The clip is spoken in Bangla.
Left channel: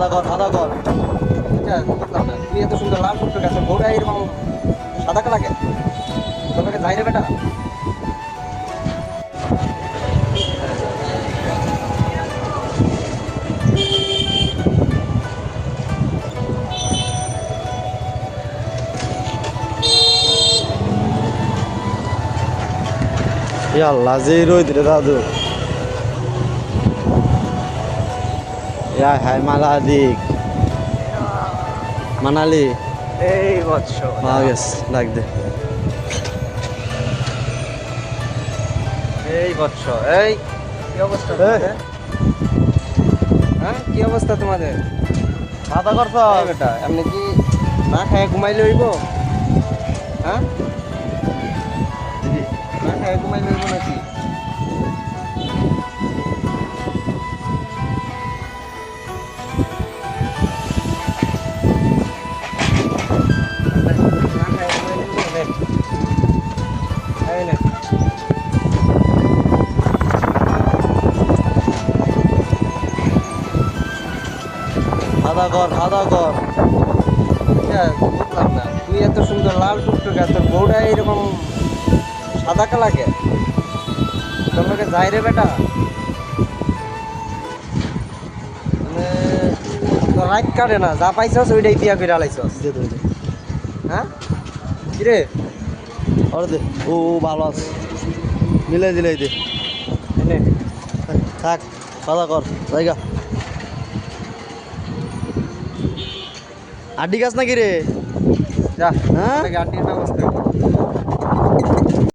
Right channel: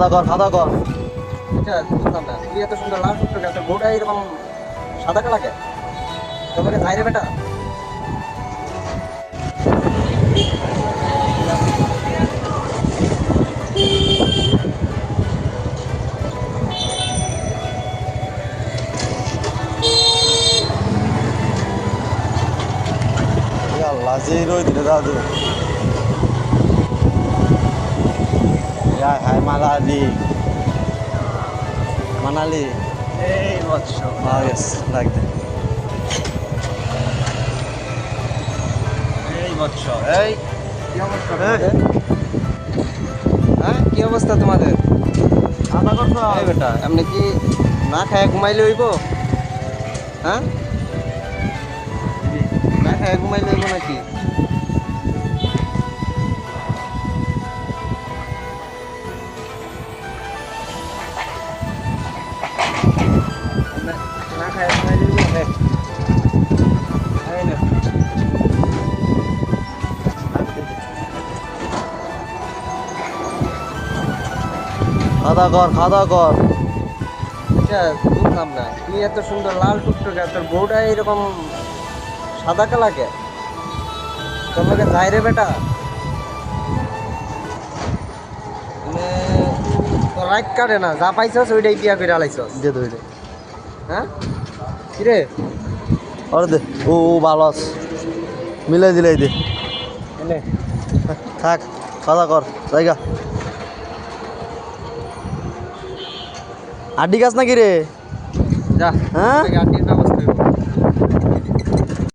খাওয়া কর খাওয়া কর। এটা বুঝলাম না, তুই এত সুন্দর লাল টুকটুকে তোর বউটা এরকম সাদা কালাকে তোমাকে যাই রে বেটা। याल्ला zero इधर दादू या है मालादिक मनाली এই বৎস नागेस लाग दे এই বৎস এই কি অবস্থা তোমাদের? হ্যাঁ কি অবস্থা তোমাদের? खादा कर এই বেটা এমনি কি না খায় ঘুমাইলে হইব? হ্যাঁ না খায় ঘুমাইলে হইব নাকি? না খায় ঘুমাইলে হইব? এই নে। खादा कर এটা বুঝলাম না, তুই এত সুন্দর লাল টুকটুকে তোর বউটা এরকম সাদা কালাকে তোর লোকে যাই রে বেটা। মানে তোর রাইট কাটে না, যা পাইছস ওইটাই বিয়া করে আলাইছস। दे दो दे হ্যাঁ কিরে और दे ओ ভালো আছে মিলাই দিলাই দে এনে থাক খাওয়া কর জায়গা আড্ডি গাছ নাকি রে যা হ্যাঁ গাড়ির ব্যবস্থা